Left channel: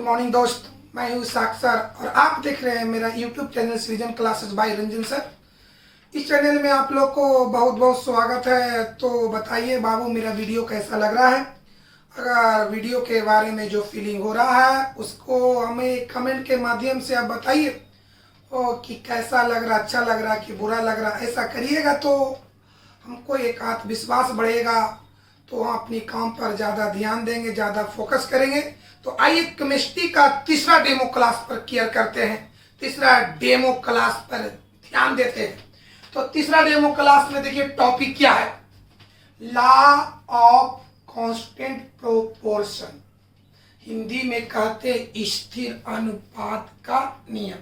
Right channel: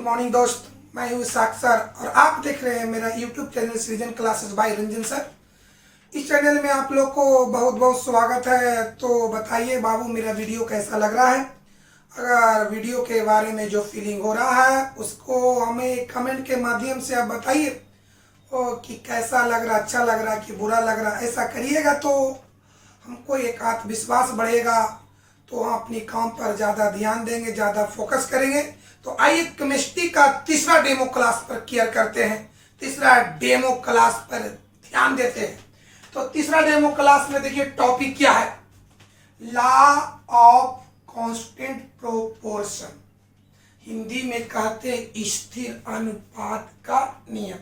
Good morning दोस्त, मैं हूँ साक्षर और आप देख रहे हैं मेरा यूट्यूब चैनल सृजन क्लासेस बाय रंजन सर। इस चैनल में आप लोग को बहुत बहुत स्वागत है। तो बताइए बाबू, मेरा वीडियो कैसा लग रहा है? अगर वीडियो के बारे में जो फीलिंग हो रहा है उसको हमें कमेंट के माध्यम से आप बताइए कि कैसा लग रहा, अच्छा लग रहा कि बुरा लग रहा। ऐसा करिएगा तो हमको एक आत्मविश्वास बढ़ेगा, तो हम अपनी काम पर ज़्यादा ध्यान देंगे, ज़्यादा फोकस करेंगे। तो आइए केमिस्ट्री का तीसरा डेमो क्लास पर केयर करते हैं, तीसरा डेमो क्लास पर ध्यान देते हैं। तो तीसरा डेमो क्लास में देखिए टॉपिक क्या है, law of constant proportion, Hindi में कहते हैं स्थिर अनुपात का नियम।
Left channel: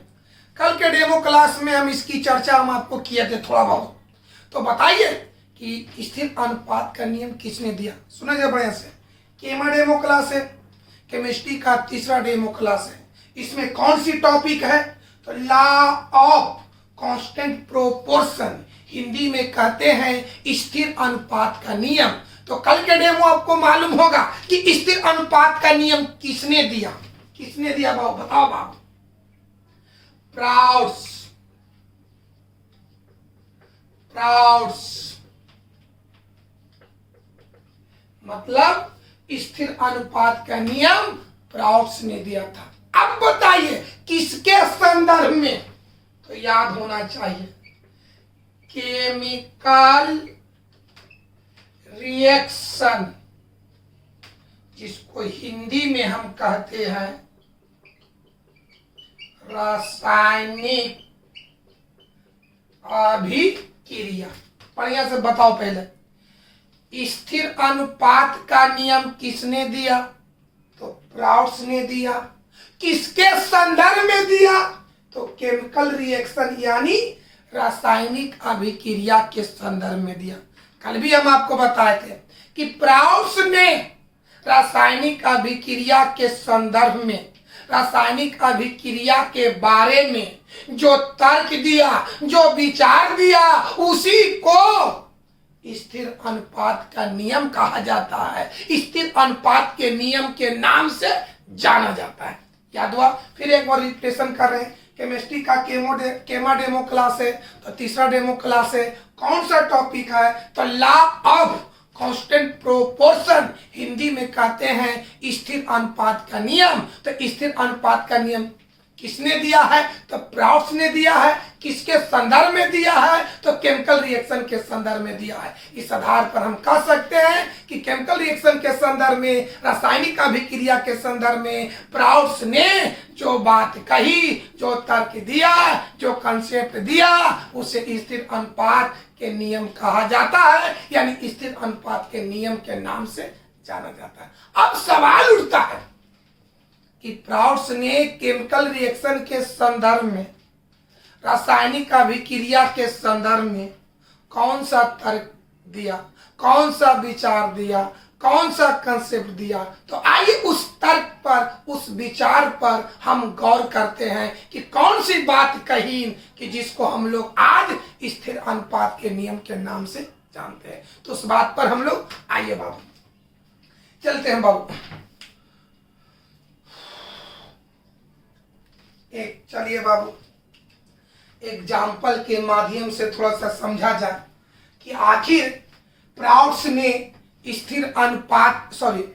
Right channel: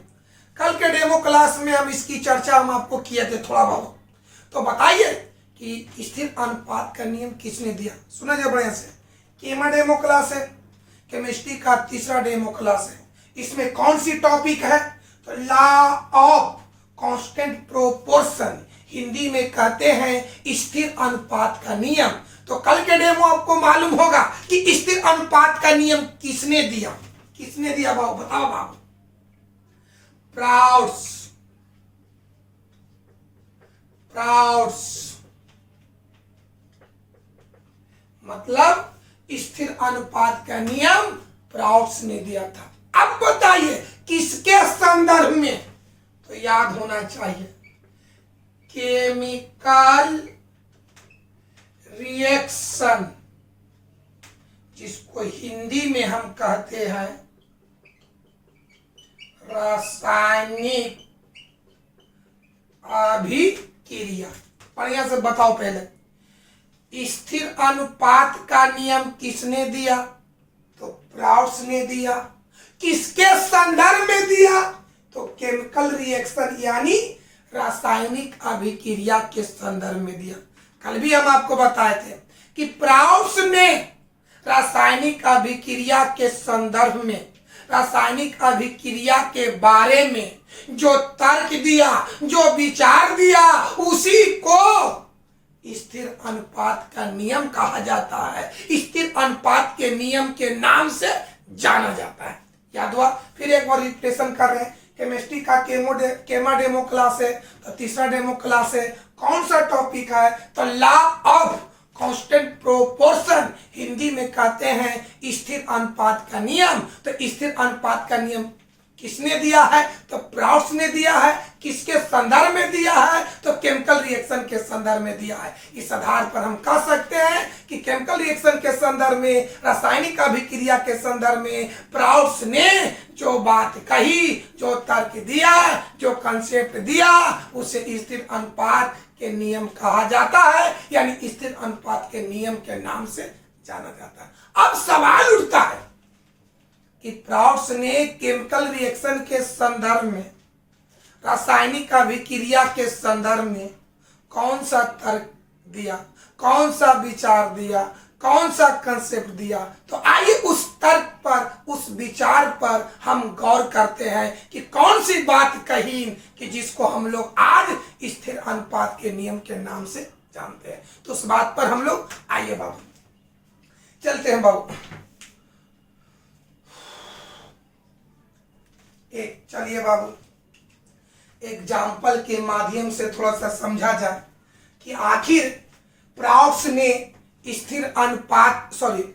कल के डेमो क्लास में हम इसकी चर्चा हम आपको किए थे थोड़ा बहुत। तो बताइए कि स्थिर अनुपात का नियम किसने दिया? सुना जाए बढ़िया से। केमा डेमो क्लास है, केमिस्ट्री का तीसरा डेमो क्लास है। इसमें कौन सी टॉपिक है? तो law of constant proportion, Hindi में कहते हैं स्थिर अनुपात का नियम। तो कल के डेमो आपको मालूम होगा कि स्थिर अनुपात का नियम किसने दिया? किसने दिया बाबू? बताओ बाबू। प्राउड्स मतलब स्थिर अनुपात का नियम प्राउड्स ने दिया था। अब बताइए किसके संदर्भ में? तो याद होना चाहिए, केमिकल रिएक्शन, जिसको हिंदी में हम कहते हैं रासायनिक अभिक्रिया। बढ़िया से बताओ पहले, स्थिर अनुपात का नियम किसने दिया? तो प्राउड्स ने दिया। किसके संदर्भ में दिया? तो केमिकल रिएक्शन यानी रासायनिक अभिक्रिया के संदर्भ में दिया। कल भी हम आपको बताए थे कि प्राउड्स ने रासायनिक अभिक्रिया के संदर्भ में, रासायनिक अभिक्रिया के बारे में जो तर्क दिया, जो विचार दिया, उसी को स्थिर अनुपात का नियम कहा जाता है। स्थिर अनुपात के नियम के नाम से जाना जाता है। याद हुआ? फिर एक बार रिपीटेशन कर रहे हैं। केमिस्ट्री का केमा डेमो क्लास है, तो तीसरा डेमो क्लास है। कौन सा टॉपिक है? तो law of constant proportion, Hindi में कहते हैं स्थिर अनुपात का नियम। तो स्थिर अनुपात का नियम किसने दिया है? तो प्राउड्स ने दिया है। किसके संदर्भ में दिया है? तो केमिकल रिएक्शन के संदर्भ में दिया है। इस आधार पर हम कह सकते हैं कि केमिकल रिएक्शन के संदर्भ में, रासायनिक अभिक्रिया के संदर्भ में प्राउड्स ने जो बात कही, जो तर्क दिया, जो कंसेप्ट दिया, उसे स्थिर अनुपात के नियम कहा जाता है, यानी स्थिर अनुपात के नियम के नाम से जाना जाता है। अब सवाल उठता है कि प्राउड्स ने केमिकल रिएक्शन के संदर्भ में, रासायनिक अभिक्रिया के संदर्भ में कौन सा तर्क दिया, कौन सा विचार दिया, कौन सा कंसेप्ट दिया? तो आइए उस तर्क पर, उस विचार पर हम गौर करते हैं कि कौन सी बात कही कि जिसको हम लोग आज स्थिर अनुपात के नियम के नाम से जानते हैं। तो उस बात पर हम लोग आइए बाबू चलते हैं। बाबू चलिए बाबू एग्जाम्पल के माध्यम से थोड़ा सा समझा जाए कि आखिर प्राउड्स ने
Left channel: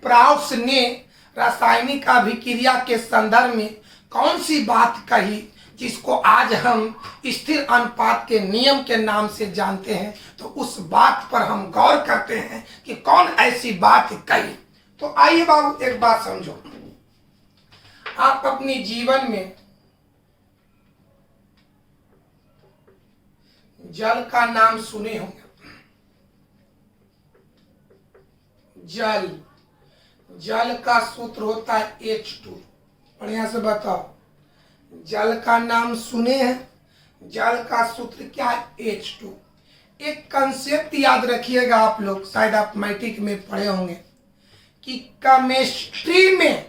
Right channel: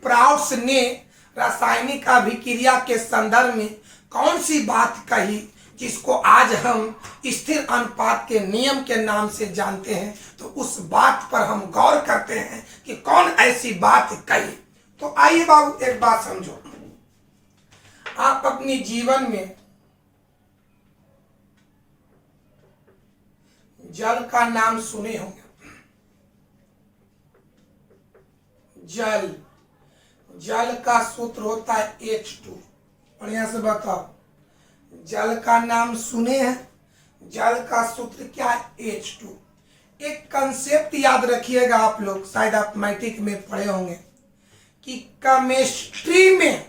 प्राउड्स ने रासायनिक अभिक्रिया के संदर्भ में कौन सी बात कही जिसको आज हम स्थिर अनुपात के नियम के नाम से जानते हैं। तो उस बात पर हम गौर करते हैं कि कौन ऐसी बात कही। तो आइए बाबू एक बात समझो, आप अपनी जीवन में जल का नाम सुने होंगे। जल का सूत्र होता है H2। बढ़िया से बताओ, जल का नाम सुने हैं? जल का सूत्र क्या है? H2। एक कंसेप्ट याद रखिएगा, आप लोग शायद आप मैट्रिक में पढ़े होंगे कि केमिस्ट्री में,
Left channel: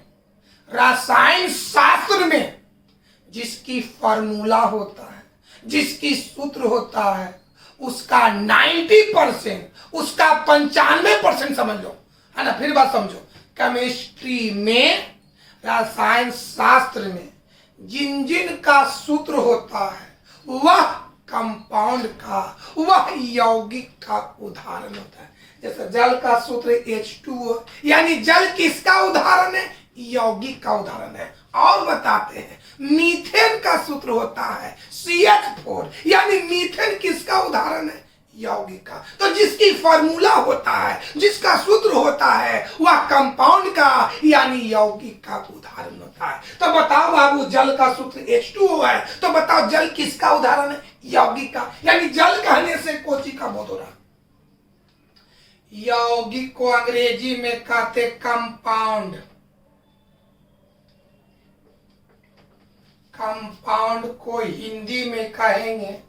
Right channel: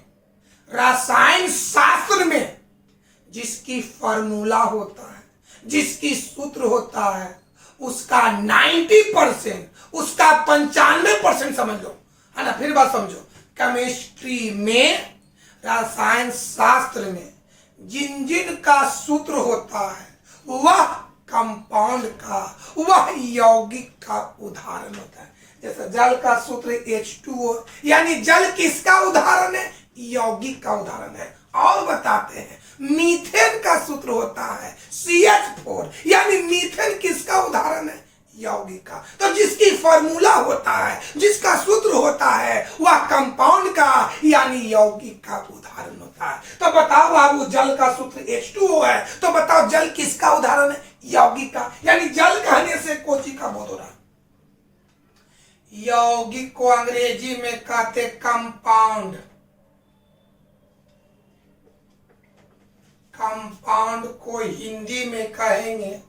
रसायन शास्त्र में जिसकी फॉर्मूला होता है, जिसकी सूत्र होता है, उसका 90%, उसका 95% समझ लो, है ना। फिर बात समझो, केमिस्ट्री में, रसायन शास्त्र में जिन जिन का सूत्र होता है वह कंपाउंड का, वह यौगिक का उदाहरण होता है। जैसे जल का सूत्र H2O, यानी जल किसका उदाहरण है? यौगिक का उदाहरण है। और बताते हैं मीथेन का सूत्र होता है CH4, यानी मीथेन किसका उदाहरण है? यौगिक का। तो जिसकी फॉर्मूला होता है, जिसका सूत्र होता है, वह कंपाउंड का यानी यौगिक का उदाहरण होता है। तो बताओ बाबू, जल का सूत्र H2O है, तो बताओ जल किसका उदाहरण है? यौगिक का। यानी जल कहने से कोची का बोध हो रहा। यौगिक को अंग्रेजी में कहते कंपाउंड, कंपाउंड को हिंदी में कहेंगे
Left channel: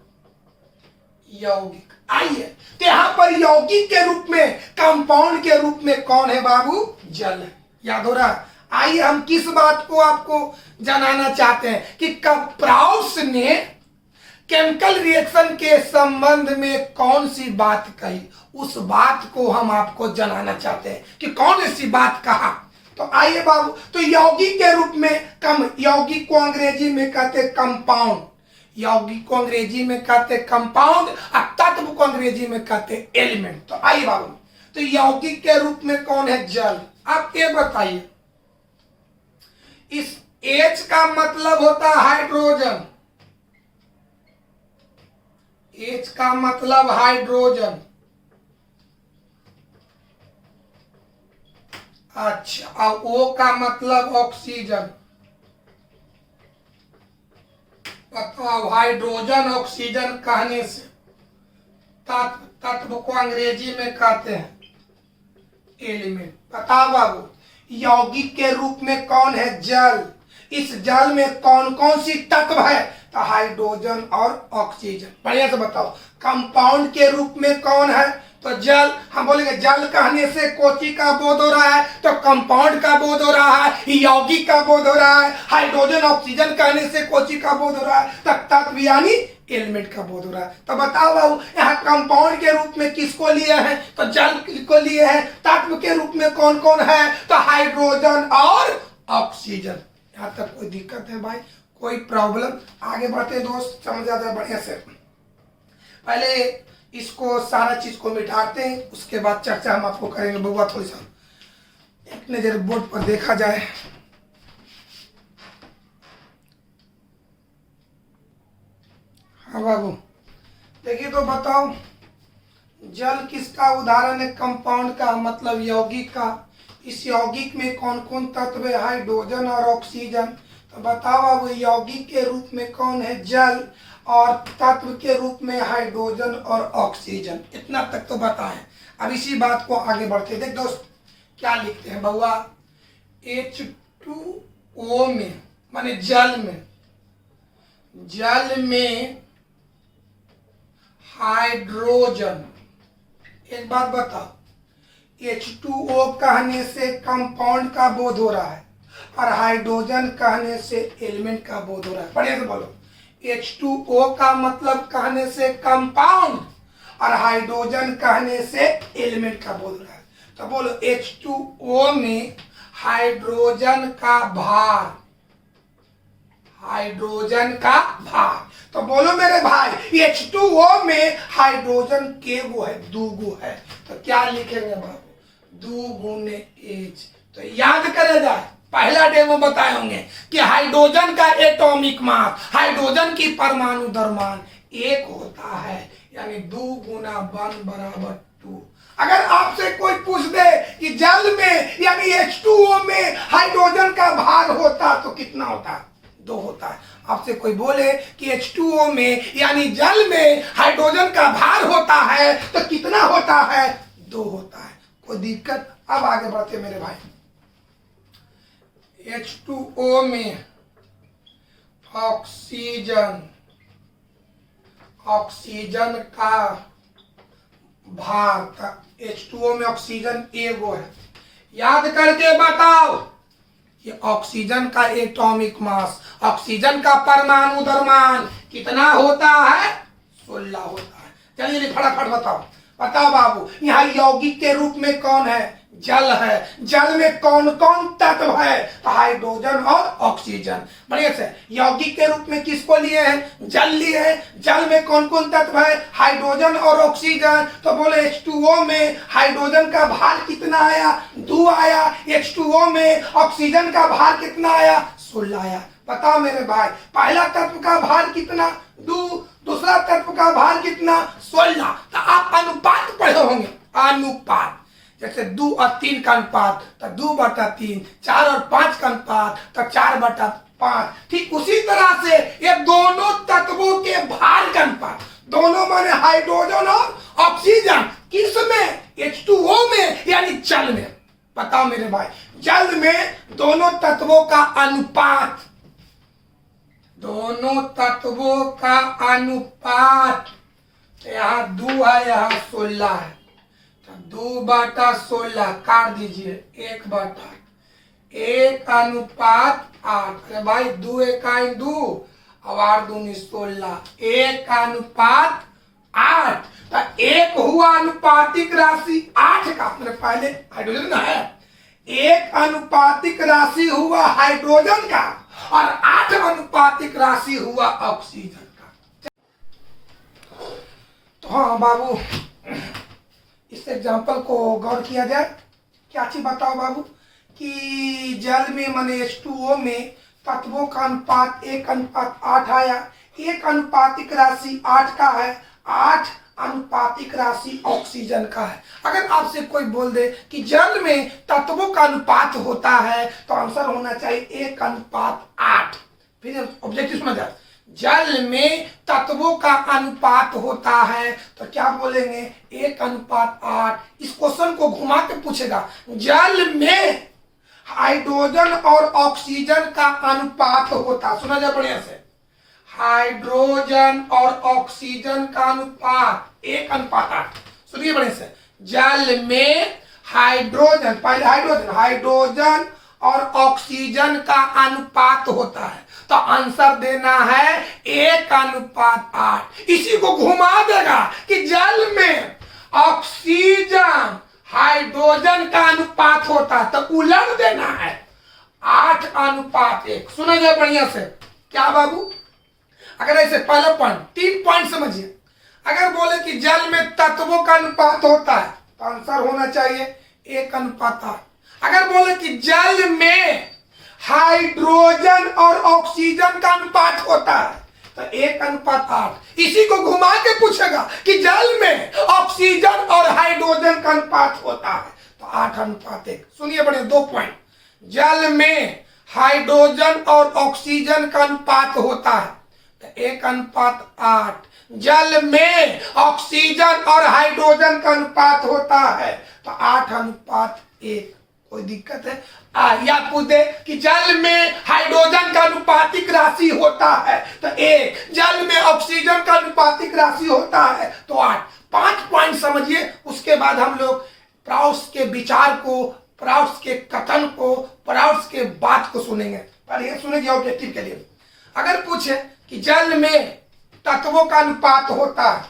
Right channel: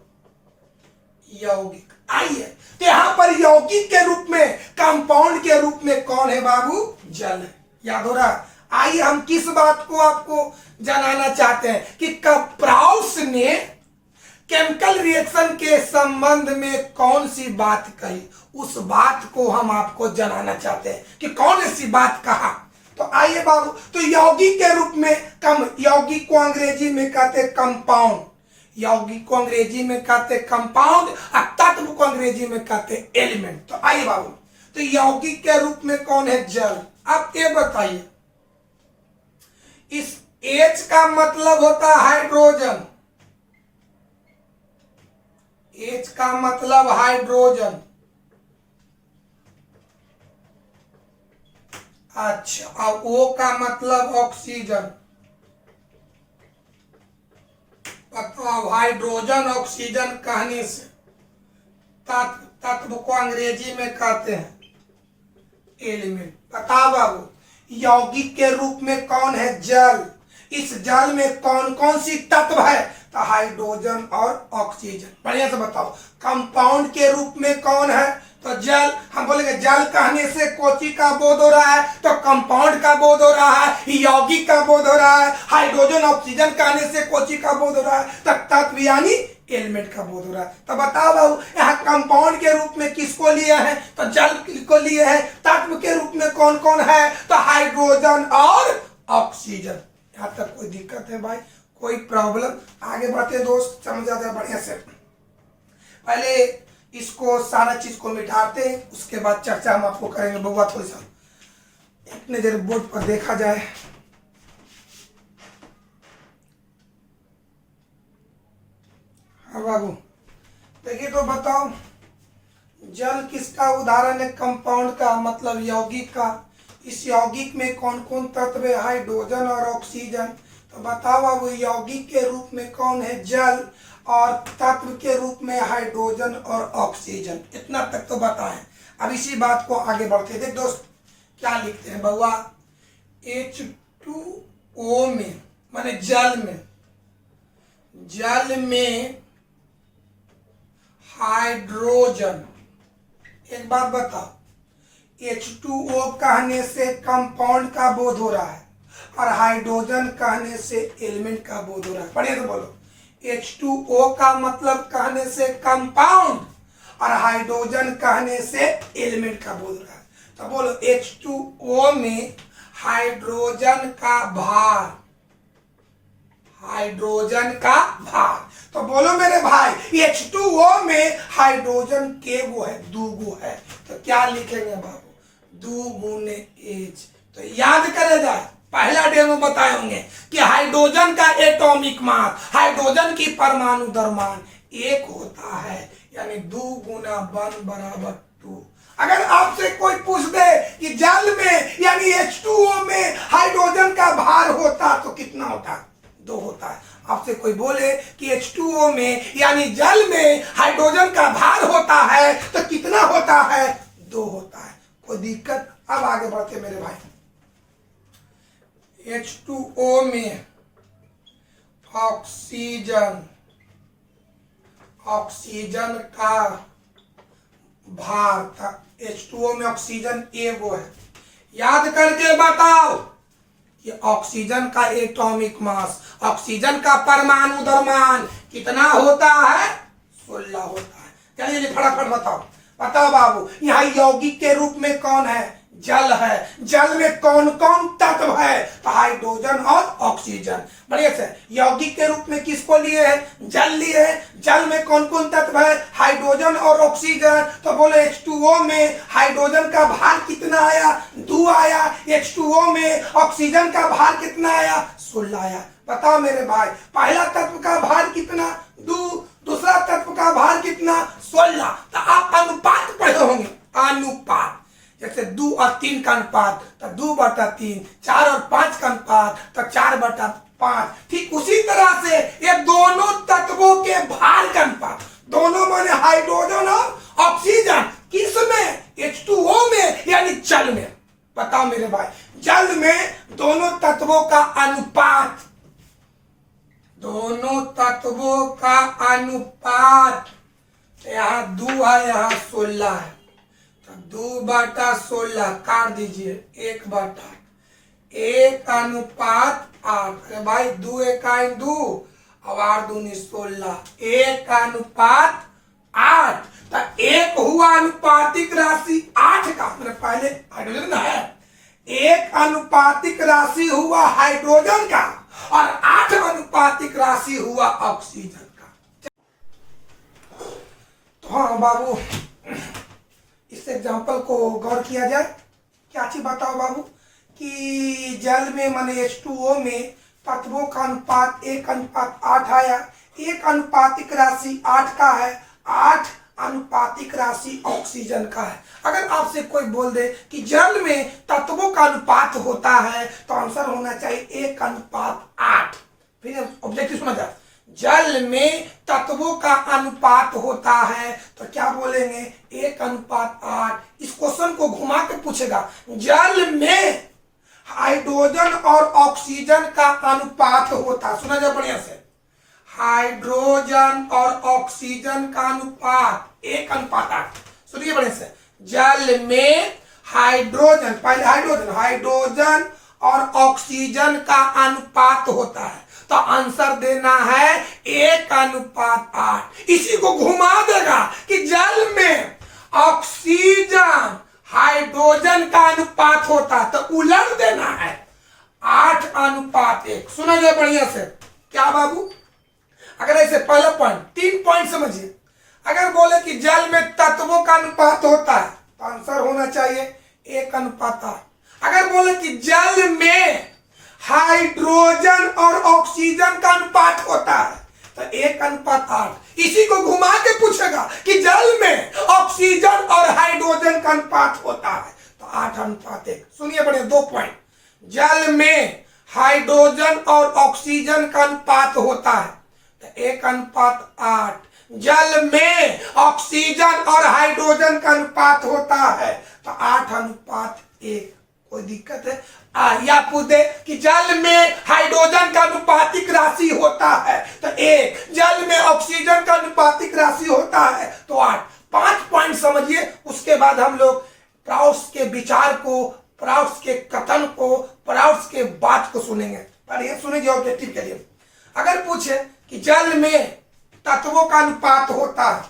यौगिक। आइए, तो यहां पर यौगिक के रूप में, कंपाउंड के रूप में कौन है बाबू? जल है। याद हो रहा है? आइए हम किस बात को आपको जानना चाहते हैं कि प्राउड्स ने केमिकल रिएक्शन के संबंध में कौन सी बात कही, उस बात को हम आपको जानना चाहते हैं कि कौन सी बात कहा। तो आइए बाबू, तो यौगिक के रूप में यौगिक को अंग्रेजी में कहते कंपाउंड, यौगिक को अंग्रेजी में कहते कंपाउंड और तत्व को अंग्रेजी में कहते एलिमेंट। तो आइए बाबू, तो यौगिक के रूप में कौन है? जल। आप ये बताइए, इस H का मतलब होता है हाइड्रोजन, H का मतलब हाइड्रोजन। अच्छा, और O का मतलब ऑक्सीजन। बताओ, हाइड्रोजन ऑक्सीजन कहने से तत्व को अंग्रेजी में कहते हैं एलिमेंट। बताओ बाबू, यौगिक के रूप में कौन है? जल। इस जल में कौन कौन सी तत्व है? तो हाइड्रोजन और ऑक्सीजन। बढ़िया से बताओ। कंपाउंड के रूप में कौन है? तो जल। हम बोलेंगे जल कहने से कोची का बोध हो रहा है? तो कंपाउंड का बोध हो रहा है, यौगिक का बोध हो रहा है। हाइड्रोजन ऑक्सीजन कहने से कोची का बोध हो रहा है? तो तत्व यानी एलिमेंट का बोध हो रहा है। तो बताओ बाबू, यहाँ कंपाउंड के रूप में किसको लिए हैं? तो जल को लिए हैं। तत्व के रूप में कौन कौन है? तो हाइड्रोजन और ऑक्सीजन। यहाँ तक कोई दिक्कत है भाई? कोई प्रॉब्लम? आगे बढ़ते दोस्त, समझ जाते हैं बढ़िया से। पहले इसको सारा चीज को मिटाते हैं, उसके बाद चर्चा हम आपको करेंगे। बउआ थोड़ी सा अपने जरा बोर्ड पर देखा जाए। हाँ बाबू, देखिए तो बताओ, जल किसका उदाहरण है? कंपाउंड का, मतलब यौगिक का। इस यौगिक में कौन कौन तत्व है? हाइड्रोजन और ऑक्सीजन। तो बताओ बाबू, यौगिक के रूप में कौन है? जल, और तत्व के रूप में हाइड्रोजन और ऑक्सीजन। इतना तक तो बताएं। अब इसी बात को आगे बढ़ते। देख दोस्त, क्या लिखते हैं बउआ? H2O में, माने जल में, जल में हाइड्रोजन। एक बात बताओ, H2O कहने से कंपाउंड का बोध हो रहा है और हाइड्रोजन कहने से एलिमेंट का बोध हो रहा है। बढ़िया से बोलो। H2O का मतलब कहने से कंपाउंड और हाइड्रोजन कहने से एलिमेंट का बोल रहा है। तो बोलो, H2O में हाइड्रोजन का भार, हाइड्रोजन का भार। तो बोलो मेरे भाई, H2O में हाइड्रोजन के गो है? दूगो है। तो क्या लिखेंगे बाबू? 2 गुने H। तो याद करे जाए, पहला डेमो बताए होंगे कि हाइड्रोजन का एटॉमिक मास, हाइड्रोजन की परमाणु द्रव्यमान 1 होता है, यानी 2 गुना 1 बराबर 2। अगर आपसे कोई पूछ दे कि जल में यानी H2O में हाइड्रोजन का भार होता तो कितना होता? 2 होता है। आपसे कोई बोले कि H2O में यानी जल में हाइड्रोजन का भार होता है तो कितना होता है? 2 होता है। कोई दिक्कत? अब आगे बढ़ते मेरे भाई। H2O में ऑक्सीजन, ऑक्सीजन का भार था। H2O में ऑक्सीजन एगो है। याद करके बताओ, ये ऑक्सीजन का एटॉमिक मास, ऑक्सीजन का परमाणु द्रव्यमान कितना होता है? 16 होता है। चलिए फटाफट बताओ। बताओ बाबू, यहाँ यौगिक के रूप में कौन है? जल है। जल में कौन कौन तत्व है? तो हाइड्रोजन और ऑक्सीजन। बढ़िया से यौगिक के रूप में किसको लिए हैं? जल लिए हैं। जल में कौन कौन तत्व है? हाइड्रोजन और ऑक्सीजन। तो बोले H2O में हाइड्रोजन का भार कितना आया? 2 आया। H2O में ऑक्सीजन का भार कितना आया? 16 आया। बताओ मेरे भाई, पहला तत्व का भार कितना? 2। दूसरा तत्व का भार कितना? 16। तो आप अनुपात पढ़े होंगे, अनुपात। जैसे 2 और 3 का अनुपात तो 2/3, 4 और 5 का अनुपात तो 4/5। ठीक उसी तरह से ये दोनों तत्वों के भार का अनुपात, दोनों माने हाइड्रोजन और ऑक्सीजन, किस में? H2O में, यानी जल में। बताओ मेरे भाई, जल में दोनों तत्वों का अनुपात, दोनों तत्वों का अनुपात, यहाँ 2 है, यहाँ 16 है, 2/16 काट दीजिए, 1/1 अनुपात 8। अरे भाई 2 1 2 और 8 दूनी 16, 1 अनुपात 8। तो 1 हुआ अनुपातिक राशि 8 का, मैंने पहले हाइड्रोजन है, 1 अनुपातिक राशि हुआ हाइड्रोजन का और 8 अनुपातिक राशि हुआ ऑक्सीजन का। तो हाँ बाबू, इस एग्जाम्पल को गौर किया जाए। क्या चीज बताओ बाबू कि जल में माने H2O में तत्वों का अनुपात 1:8 आया। 1 अनुपातिक राशि 8 का है, 8 अनुपातिक राशि ऑक्सीजन का है। अगर आपसे कोई बोल दे कि जल में तत्वों का अनुपात होता है तो आंसर होना चाहिए 1:8। फिर ऑब्जेक्टिव सुना जाए, जल में तत्वों का अनुपात होता है तो क्या बोलेंगे? 1:8। इस क्वेश्चन को घुमा के पूछेगा, जल में हाइड्रोजन और ऑक्सीजन का अनुपात होता, सुना जाए बढ़िया से, हाइड्रोजन और ऑक्सीजन का अनुपात 1:8। सुनिए बढ़िया से, जल में हाइड्रोजन, पहले हाइड्रोजन और ऑक्सीजन का अनुपात होता है तो आंसर देना है 1:8। इसी को घुमा देगा कि जल में ऑक्सीजन हाइड्रोजन का अनुपात होता तो उलट देना है 8:1। सुना जाए बढ़िया से, क्या बाबू? अगर ऐसे पहला पॉइंट, 3 पॉइंट समझिए। अगर बोले कि जल में तत्वों का अनुपात होता है तो आंसर होना चाहिए 1:8। अगर बोले कि जल में हाइड्रोजन और ऑक्सीजन का अनुपात होता है तो 1:8। इसी को घुमा के पूछेगा कि जल में ऑक्सीजन और हाइड्रोजन का अनुपात होता है तो 8:1। सुनिए बड़े 2 पॉइंट, जल में हाइड्रोजन और ऑक्सीजन का अनुपात होता है तो 1:8। जल में ऑक्सीजन और हाइड्रोजन का अनुपात होता है तो 8:1। कोई दिक्कत है? या पूछ दे कि जल में हाइड्रोजन का अनुपातिक राशि होता है तो 1, जल में ऑक्सीजन का अनुपातिक राशि होता है तो 8। 5 पॉइंट समझिए, उसके बाद हम लोग प्राउड्स के विचार को, प्राउड्स के कथन को, प्राउड्स के बात को सुनेंगे। पर ये सुनेंगे ऑब्जेक्टिव के लिए। अगर पूछे कि जल में तत्वों का अनुपात होता है,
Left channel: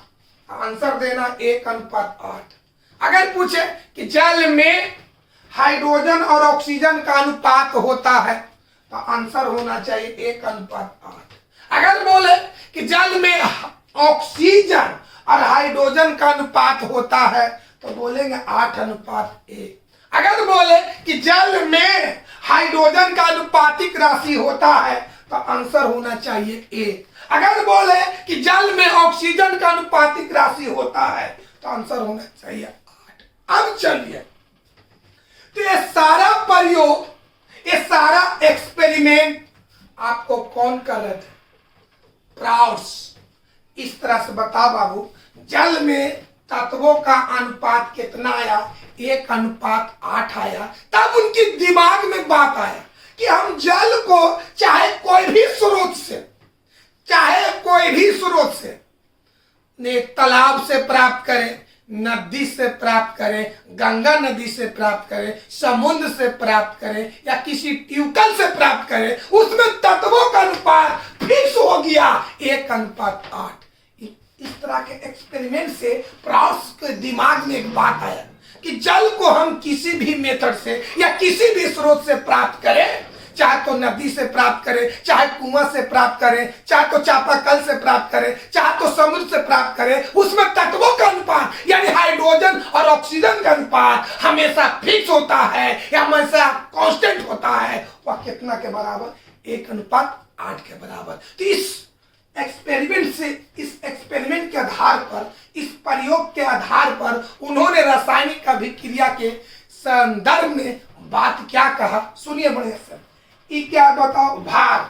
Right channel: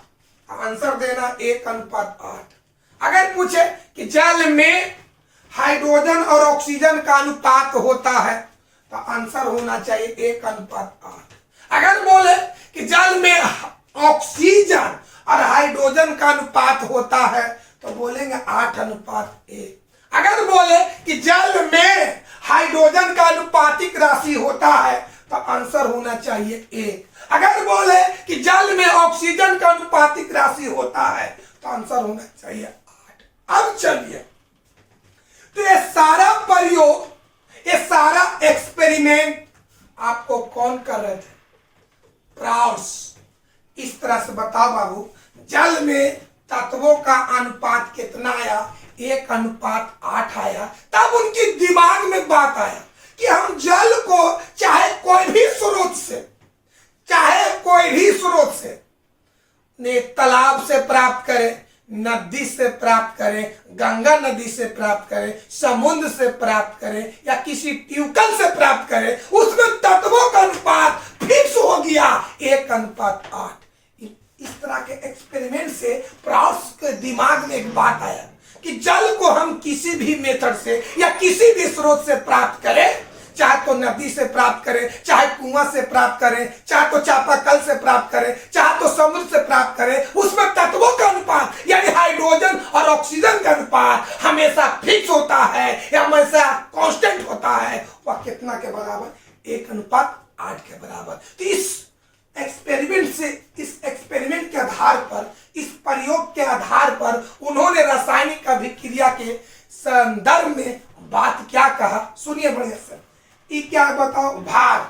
आंसर देना 1:8। अगर पूछे कि जल में हाइड्रोजन और ऑक्सीजन का अनुपात होता है तो आंसर होना चाहिए 1:8। अगर बोले कि जल में ऑक्सीजन और हाइड्रोजन का अनुपात होता है तो बोलेंगे 8:1। अगर बोले कि जल में हाइड्रोजन का अनुपातिक राशि होता है तो आंसर होना चाहिए 1। अगर बोले कि जल में ऑक्सीजन का अनुपातिक राशि होता है तो आंसर होना चाहिए 8। अब चलिए, तो ये सारा प्रयोग, ये सारा एक्सपेरिमेंट आपको कौन कर रहे थे? प्राउड्स। इस तरह से बताओ बाबू, जल में तत्वों का अनुपात कितना आया? 1:8 आया। तब उनके दिमाग में बात आया कि हम जल को चाहे कोई भी स्रोत से, ने तालाब से प्राप्त करें, नदी से प्राप्त करें, गंगा नदी से प्राप्त करें, समुद्र से प्राप्त करें या किसी ट्यूबवेल से प्राप्त करें, उसमें तत्वों का अनुपात फिक्स हो गया 1:8। इस तरह के एक्सपेरिमेंट से प्राउड्स के दिमाग में एक बात आया कि जल को हम किसी भी मेथड से या किसी भी स्रोत से प्राप्त करें, चाहे तो नदी से प्राप्त करें, चाहे कुआं से प्राप्त करें, चाहे तो चापाकल से प्राप्त करें, चाहे तो समुद्र से प्राप्त करें, उसमें तत्वों का अनुपात यानी हाइड्रोजन और ऑक्सीजन का अनुपात हमेशा फिक्स होता है या हमेशा कांस्टेंट होता है। वह कितना के बराबर? 1:8 के बराबर। तो इस एक्सपेरिमेंट के आधार पर, इस प्रयोग के आधार पर उन्होंने रासायनिक अभिक्रिया के संदर्भ में बात क्या कहा, सुनिए बढ़िया से। ये क्या बताओ? भार।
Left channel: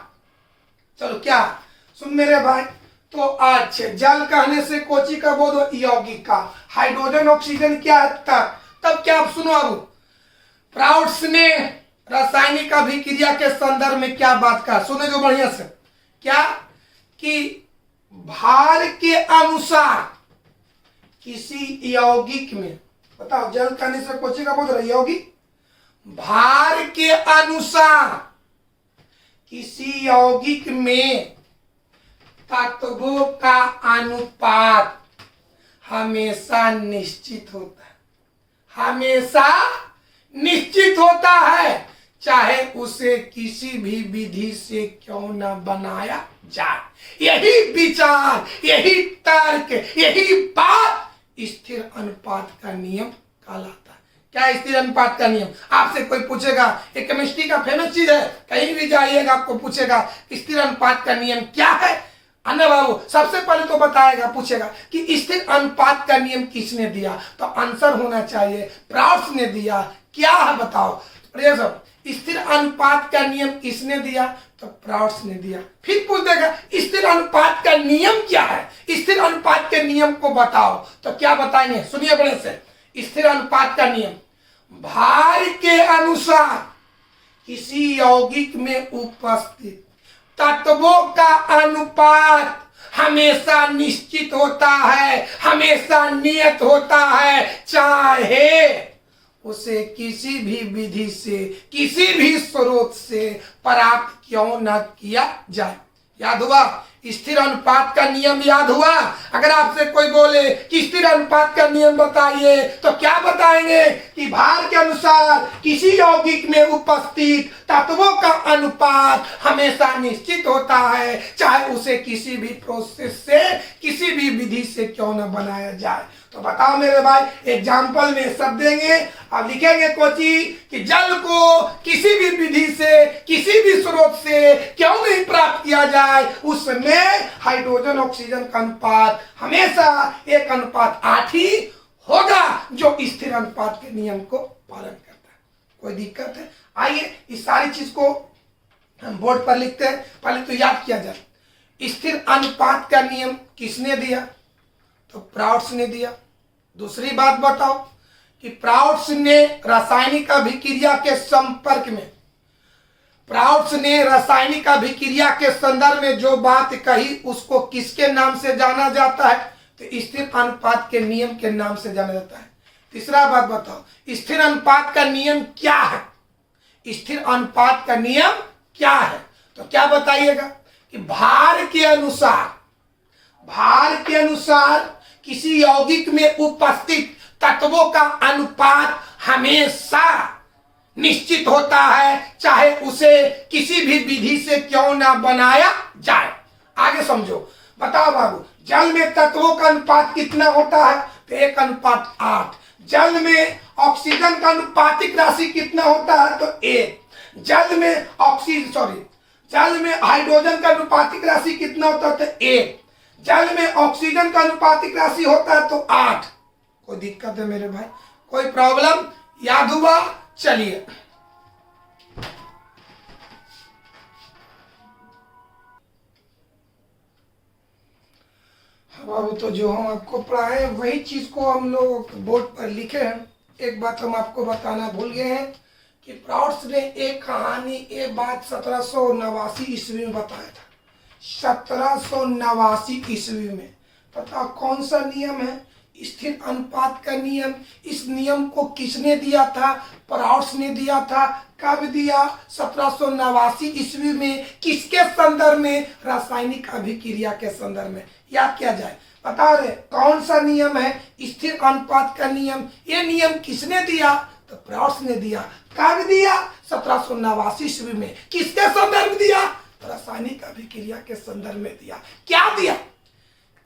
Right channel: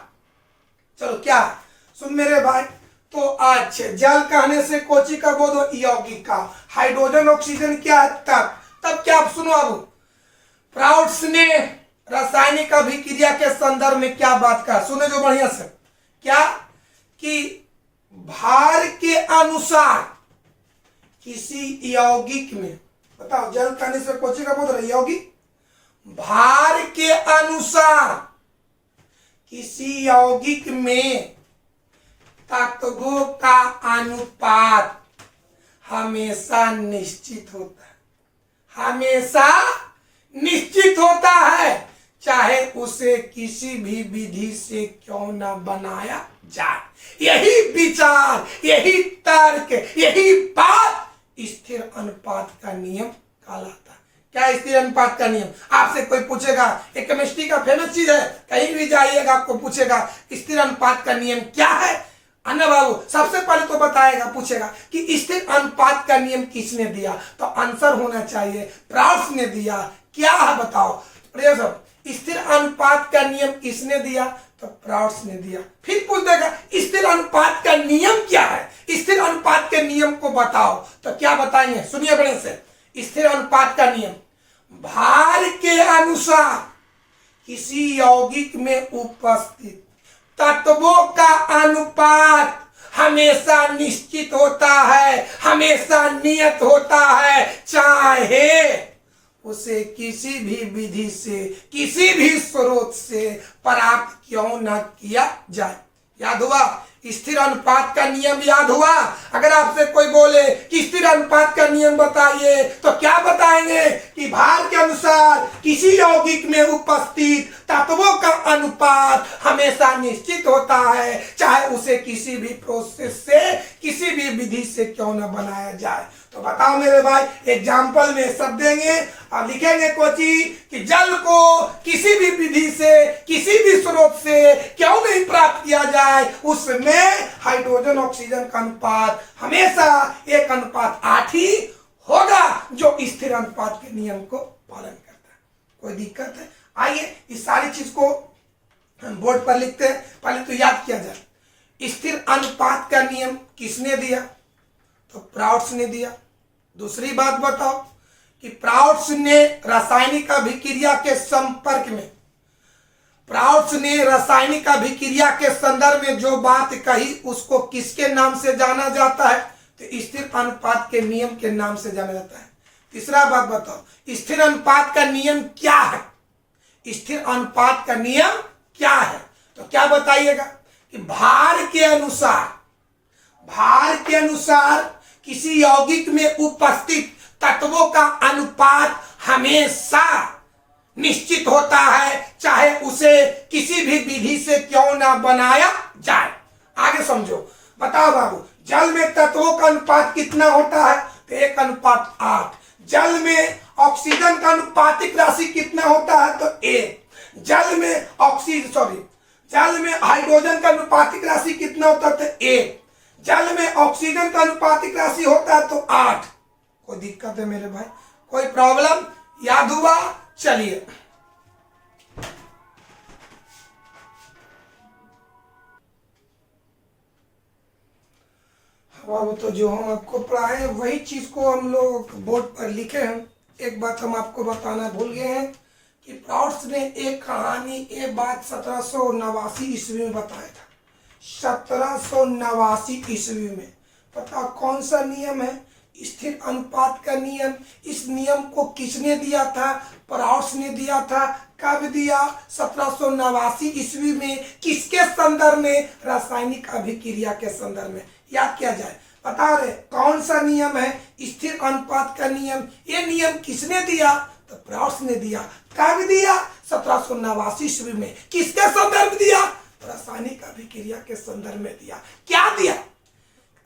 चलो क्या सुन मेरे भाई, तो अच्छा जल कहने से कोची का बोध हो? यौगिक का। हाइड्रोजन ऑक्सीजन क्या है? तब क्या आप सुनो। अब प्राउड्स ने रासायनिक अभिक्रिया के संदर्भ में क्या बात कहा, सुने जो बढ़िया से। क्या कि भार के अनुसार किसी यौगिक में, बताओ जल कहने से कोची का बोध रहा? यौगिक। भार के अनुसार किसी यौगिक में तत्वों का अनुपात हमेशा निश्चित होता है, हमेशा निश्चित होता है, चाहे उसे किसी भी विधि से क्यों ना बनाया जाए। यही विचार, यही तर्क, यही बात स्थिर अनुपात का नियम कहलाता है। क्या स्थिर अनुपात का नियम? आपसे कोई पूछेगा, एक केमिस्ट्री का फेमस चीज है, कहीं भी जाइएगा आपको पूछेगा स्थिर अनुपात का नियम क्या है। अन्ना बाबू सबसे पहले तो बताएगा, पूछेगा कि स्थिर अनुपात का नियम किसने दिया, तो आंसर होना चाहिए प्राउड्स ने दिया। क्या है बताओ? सब स्थिर अनुपात का नियम किसने दिया, तो प्राउड्स ने दिया। फिर पूछ देगा स्थिर अनुपात का नियम क्या है, स्थिर अनुपात के नियम को बताओ, तो क्या बताएंगे? सुनिए बड़े से। स्थिर अनुपात का नियम, भार के अनुसार किसी यौगिक में उपस्थित तत्वों का अनुपात हमेशा निश्चित होता है, हमेशा नियत होता है, चाहे उसे किसी भी विधि से, किसी भी स्रोत से प्राप्त क्यों न किया जाए। याद हुआ? स्थिर अनुपात का नियम याद हुआ? अगर आपसे कोई बोले कि स्थिर अनुपात का नियम बताइए, तो क्या बताएंगे? कि भार के अनुसार किसी यौगिक में उपस्थित तत्वों का अनुपात हमेशा निश्चित होता है, चाहे उसे किसी भी प्रोसेस से, किसी भी विधि से क्यों न बनाया जाए। तो बताओ मेरे भाई, एग्जाम्पल में सब देंगे और लिखेंगे कोची कि जल को किसी भी विधि से, किसी भी स्रोत से क्यों नहीं प्राप्त किया जाए, उसमें हाइड्रोजन ऑक्सीजन का अनुपात हमेशा 1:8 ही होगा, जो स्थिर अनुपात के नियम को पालन करता है। कोई दिक्कत है? आइए इस सारी चीज को हम बोर्ड पर लिखते हैं। पहले तो याद किया जाए, स्थिर अनुपात का नियम किसने दिया, तो प्राउड्स ने दिया। दूसरी बात बताओ कि प्राउड्स ने रासायनिक अभिक्रिया के संपर्क में, प्राउड्स ने रासायनिक अभिक्रिया के संदर्भ में जो बात कही उसको किसके नाम से जाना जाता है, तो स्थिर अनुपात के नियम के नाम से जाना जाता है। तीसरा बात बताओ, स्थिर अनुपात का नियम क्या है, स्थिर अनुपात का नियम क्या है, तो क्या बताइएगा कि भार के अनुसार, भार के अनुसार किसी यौगिक में उपस्थित तत्वों का अनुपात हमेशा निश्चित होता है, चाहे उसे किसी भी विधि से क्यों ना बनाया जाए। आगे समझो, बताओ बाबू, जल में तत्वों का अनुपात कितना होता है, तो 1:8। जल में ऑक्सीजन का अनुपातिक राशि कितना होता है, तो 1। जल में हाइड्रोजन का अनुपातिक राशि कितना होता है, तो 1। जल में ऑक्सीजन का अनुपातिक राशि होता है तो 8। कोई दिक्कत है मेरे भाई? कोई प्रॉब्लम? याद हुआ? चलिए बाबू, तो जो हम आपको पढ़ाए वही चीज को हम लोग बोर्ड पर लिखे हैं। एक बात हम आपको बताना भूल गए हैं कि प्राउड्स ने एक कहानी, एक बात 1789 ईस्वी में बताया था। 1789 ईस्वी में, पता कौन सा नियम है? स्थिर अनुपात का नियम। इस नियम को किसने दिया था? प्राउड्स ने दिया था। कब दिया? 1789 ईस्वी में। किसके संदर्भ में? रासायनिक अभिक्रिया के संदर्भ में। याद किया जाए, बता रहे कौन सा नियम है स्थिर अनुपात का नियम। ये नियम किसने दिया? तो प्राउड्स ने दिया। कब दिया? 1789 ईस्वी में। किसके संदर्भ दिया? तो रासायनिक अभिक्रिया के संदर्भ में दिया। क्या दिया?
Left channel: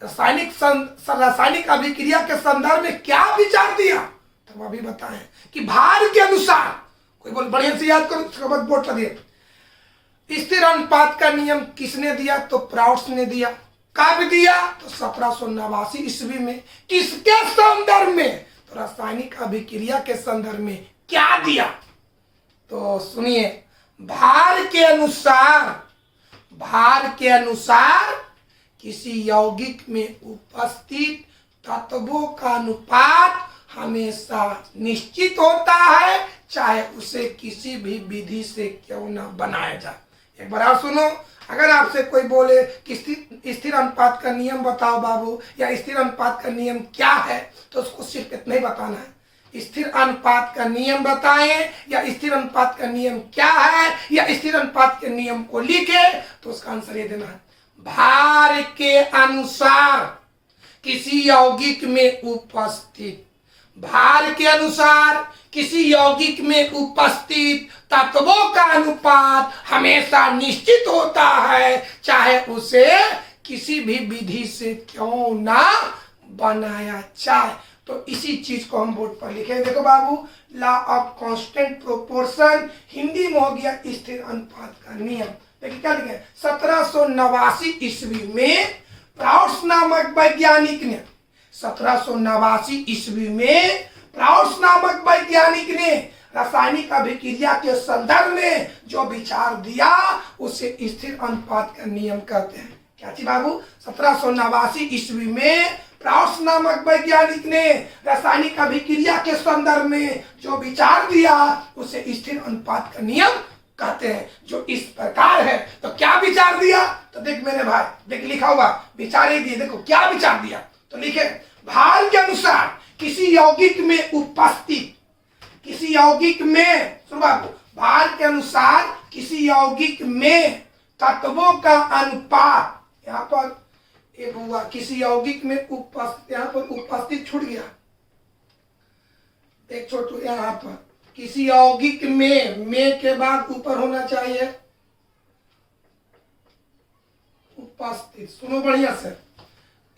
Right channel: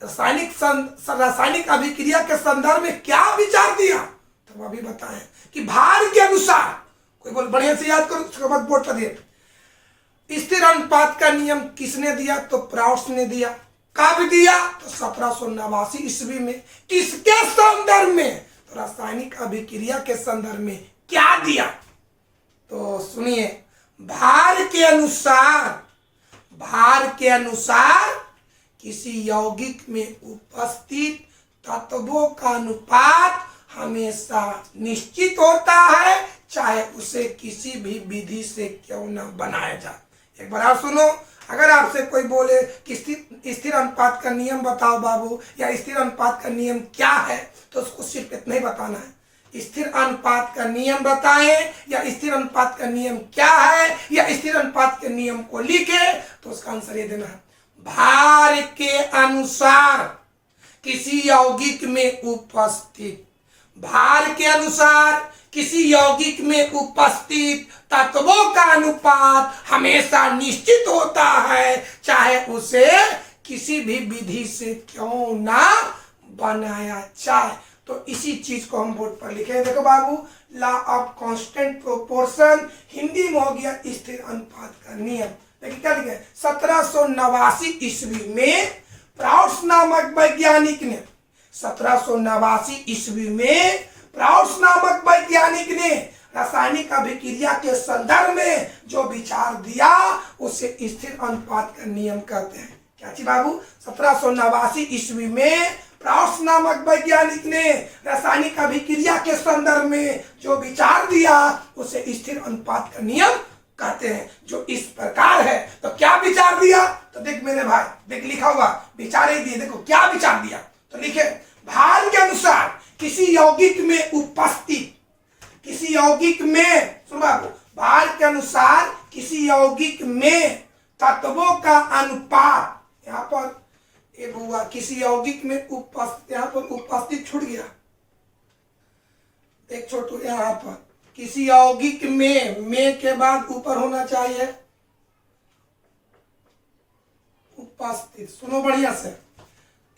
रासायनिक अभिक्रिया के संदर्भ में क्या विचार दिया? तो अभी बताएं कि भार के अनुसार, कोई बोल बढ़िया से याद करो, उसके बाद बोर्ड पर दिए। स्थिर अनुपात का नियम किसने दिया? तो प्राउड्स ने दिया। कब दिया? तो 1789 ईस्वी में। किसके संदर्भ में? तो रासायनिक अभिक्रिया के संदर्भ में। क्या दिया? तो सुनिए, भार के अनुसार किसी यौगिक में उपस्थित तत्वों का अनुपात हमेशा निश्चित होता है, चाहे उसे किसी भी विधि से क्यों न बनाया जाए। एक बार आप सुनो, अगर आपसे कोई बोले कि स्थिर अनुपात का नियम बताओ बाबू, या स्थिर अनुपात का नियम क्या है, तो उसको सिर्फ इतना ही बताना है, स्थिर अनुपात का नियम बताएं, या स्थिर अनुपात का नियम क्या है, या स्थिर अनुपात के नियम को लिखे, तो उसका आंसर ये देना है, भार के अनुसार किसी यौगिक में उपस्थित, भार के अनुसार किसी यौगिक में उपस्थित तत्वों का अनुपात हमेशा निश्चित होता है, चाहे उसे किसी भी विधि से क्यों ना बनाया जाए। तो इसी चीज को हम बोर्ड पर लिखे। देखो बाबू, law of constant proportion, Hindi में हो गया स्थिर अनुपात का नियम। देखिए क्या लिखे, 1789 ईस्वी में प्राउड्स नामक वैज्ञानिक ने, 1789 ईस्वी में प्राउड्स नामक वैज्ञानिक ने रासायनिक अभिक्रिया के संदर्भ में जो विचार दिया उसे स्थिर अनुपात का नियम कहते हैं। क्या चीज बाबू? 1789 ईस्वी में प्राउड्स नामक वैज्ञानिक ने रासायनिक अभिक्रिया के संदर्भ में जो विचार दिया उसे स्थिर अनुपात का नियम कहते हैं, जो इस प्रकार है। तो क्या विचार दिया? तो देख मेरे भाई, देख लिखा हुआ विचार ही दिए। देखो क्या विचार दिया, तो लिखे, भार के अनुसार किसी यौगिक में उपस्थित, किसी यौगिक में, सुन बाबू, भार के अनुसार किसी यौगिक में तत्वों का अनुपात, यहाँ पर ये हुआ किसी यौगिक में उपस्थित, यहाँ पर उपस्थित छूट गया, एक छोटू, यहाँ पर किसी यौगिक में के बाद ऊपर होना चाहिए उपस्थित। सुनो बढ़िया से,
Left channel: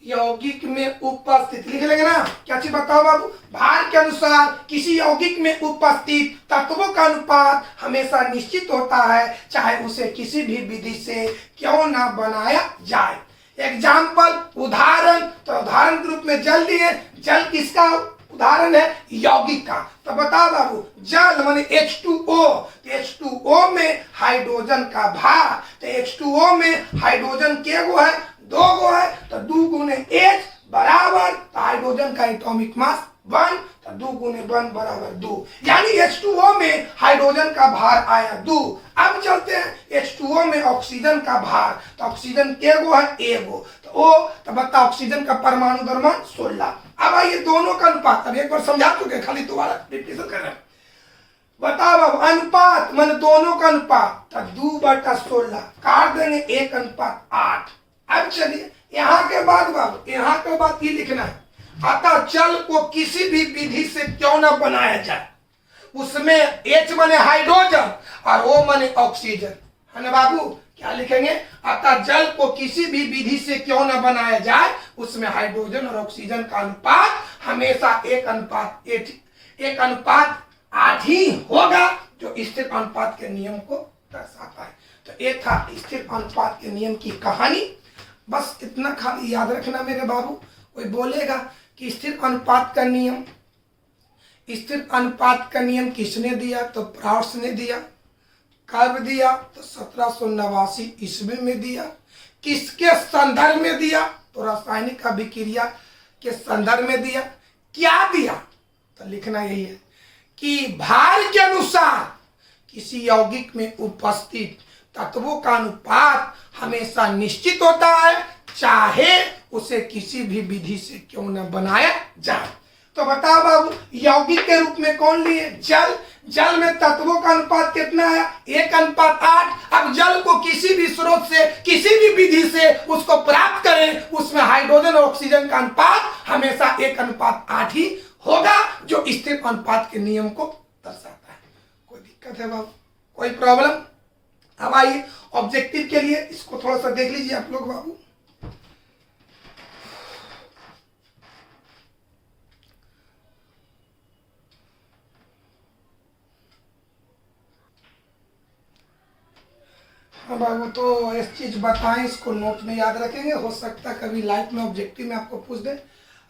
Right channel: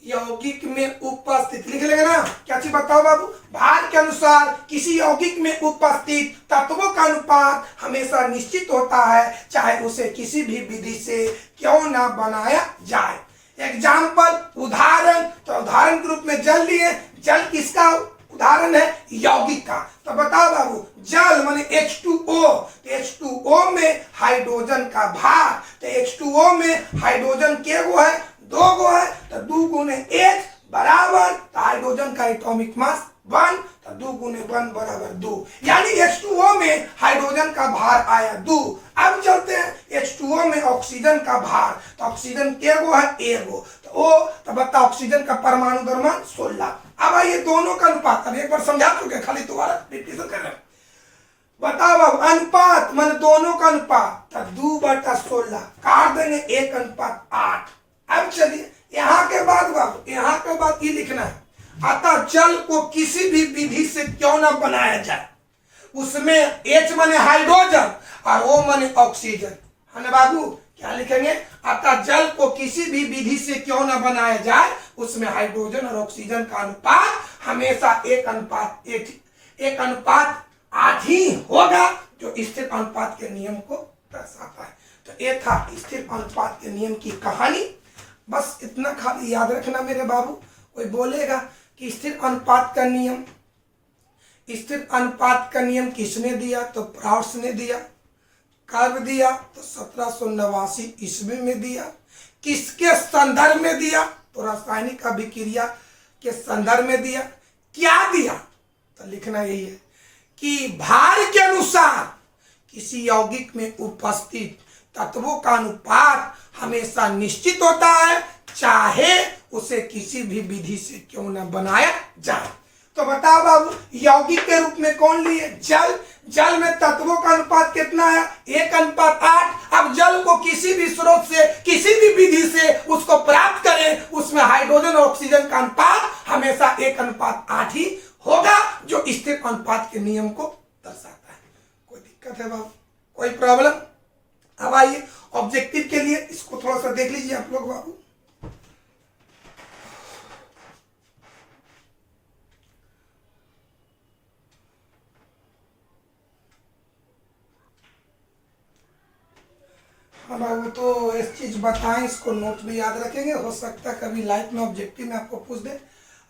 यौगिक में उपस्थित लिख लेंगे ना। क्या चीज बताओ बाबू? भार के अनुसार किसी यौगिक में उपस्थित तत्वों का अनुपात हमेशा निश्चित होता है, चाहे उसे किसी भी विधि से क्यों ना बनाया जाए। एग्जाम्पल, उदाहरण, तो उदाहरण के रूप में जल लिए। जल किसका उदाहरण है? यौगिक का। तो बताओ बाबू, जल माने H2O, तो H2O में हाइड्रोजन का भार, तो H2O में हाइड्रोजन के गो है? 2 गो है, तो 2 गुने H बराबर, तो हाइड्रोजन का एटॉमिक मास 1, तो 2 गुने 1 बराबर 2, यानी H2O में हाइड्रोजन का भार आया 2। अब चलते हैं H2O में ऑक्सीजन का भार, तो ऑक्सीजन के गो है? 1 गो, तो बता ऑक्सीजन का परमाणु द्रव्यमान 16। अब ये दोनों का अनुपात, अब एक बार समझा चुके, खाली दोबारा रिपीट कर रहे हैं। बताओ बाबू, अनुपात मान दोनों का अनुपात, तो 2/16 काट देंगे, 1:8। अब चलिए यहाँ के बाद बाबू, यहाँ के बाद ये लिखना है, अतः जल को किसी भी विधि से क्यों ना बनाया जाए, उसमें H माने हाइड्रोजन और O माने ऑक्सीजन, है ना बाबू? क्या लिखेंगे? अतः जल को किसी भी विधि से क्यों ना बनाया जाए, उसमें हाइड्रोजन और ऑक्सीजन का अनुपात हमेशा 1:8 ही होगा, जो स्थिर अनुपात के नियम को दर्शाता है। तो ये था स्थिर अनुपात के नियम की कहानी। बस इतना खाली याद रखना मेरे बाबू। कोई बोलेगा कि स्थिर अनुपात का नियम, स्थिर अनुपात का नियम किसने दिया? तो प्राउड्स ने दिया। कब दिया? तो 1789 ईस्वी में दिया। किसके संदर्भ में दिया? तो रासायनिक अभिक्रिया के संदर्भ में दिया। क्या दिया? तो लिखना यही है कि भार के अनुसार किसी यौगिक में उपस्थित तत्वों का अनुपात हमेशा निश्चित होता है, चाहे उसे किसी भी विधि से क्यों न बनाया जाए। तो बताओ बाबू, यौगिक के रूप में कौन लिए? जल। जल में तत्वों का अनुपात कितना है? 1:8। अब जल को किसी भी स्रोत से, किसी भी विधि से उसको प्राप्त करें, उसमें हाइड्रोजन और ऑक्सीजन का अनुपात हमेशा 1:8 ही होगा, जो स्थिर अनुपात के नियम को दर्शाता है। कोई दिक्कत है बाबू? कोई प्रॉब्लम? अब आइए ऑब्जेक्टिव के लिए इसको थोड़ा सा देख लीजिए आप लोग बाबू। बाबू तो इस चीज बताएं, इसको नोट में याद रखेंगे, हो सकता है कभी लाइफ में ऑब्जेक्टिव में आपको पूछ दे।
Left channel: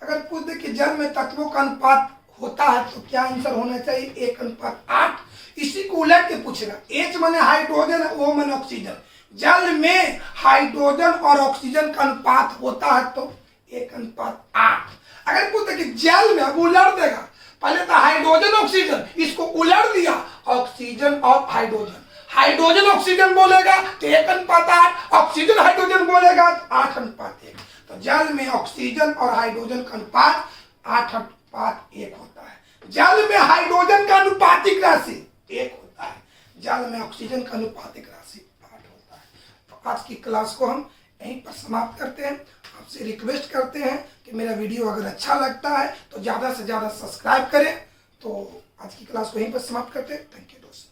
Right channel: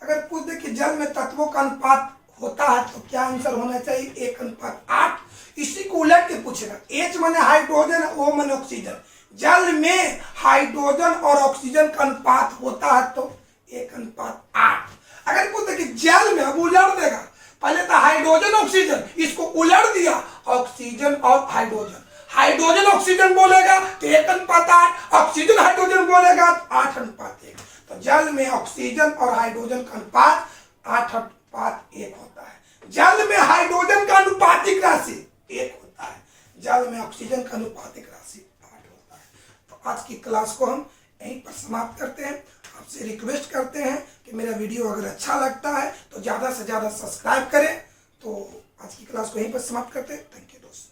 अगर पूछ दे कि जल में तत्वों का अनुपात होता है तो क्या आंसर होना चाहिए? 1:8। इसी को उलट के पूछेगा। H माने हाइड्रोजन, O माने ऑक्सीजन। जल में हाइड्रोजन और ऑक्सीजन का अनुपात होता है तो 1:8। अगर पूछते कि जल में, अब उलट देगा, पहले था हाइड्रोजन ऑक्सीजन, इसको उलट दिया ऑक्सीजन और हाइड्रोजन। हाइड्रोजन ऑक्सीजन बोलेगा तो 1:8, ऑक्सीजन हाइड्रोजन बोलेगा तो 8:1। तो जल में ऑक्सीजन और हाइड्रोजन का अनुपात 8:1 होता है। जल में हाइड्रोजन का अनुपातिक राशि 1 होता है, जल में ऑक्सीजन का अनुपातिक राशि 8 होता है। तो आज की क्लास को हम यहीं पर समाप्त करते हैं। आपसे रिक्वेस्ट करते हैं कि मेरा वीडियो अगर अच्छा लगता है तो ज़्यादा से ज़्यादा सब्सक्राइब करें। तो आज की क्लास को यहीं पर समाप्त करते हैं। थैंक यू दोस्तों।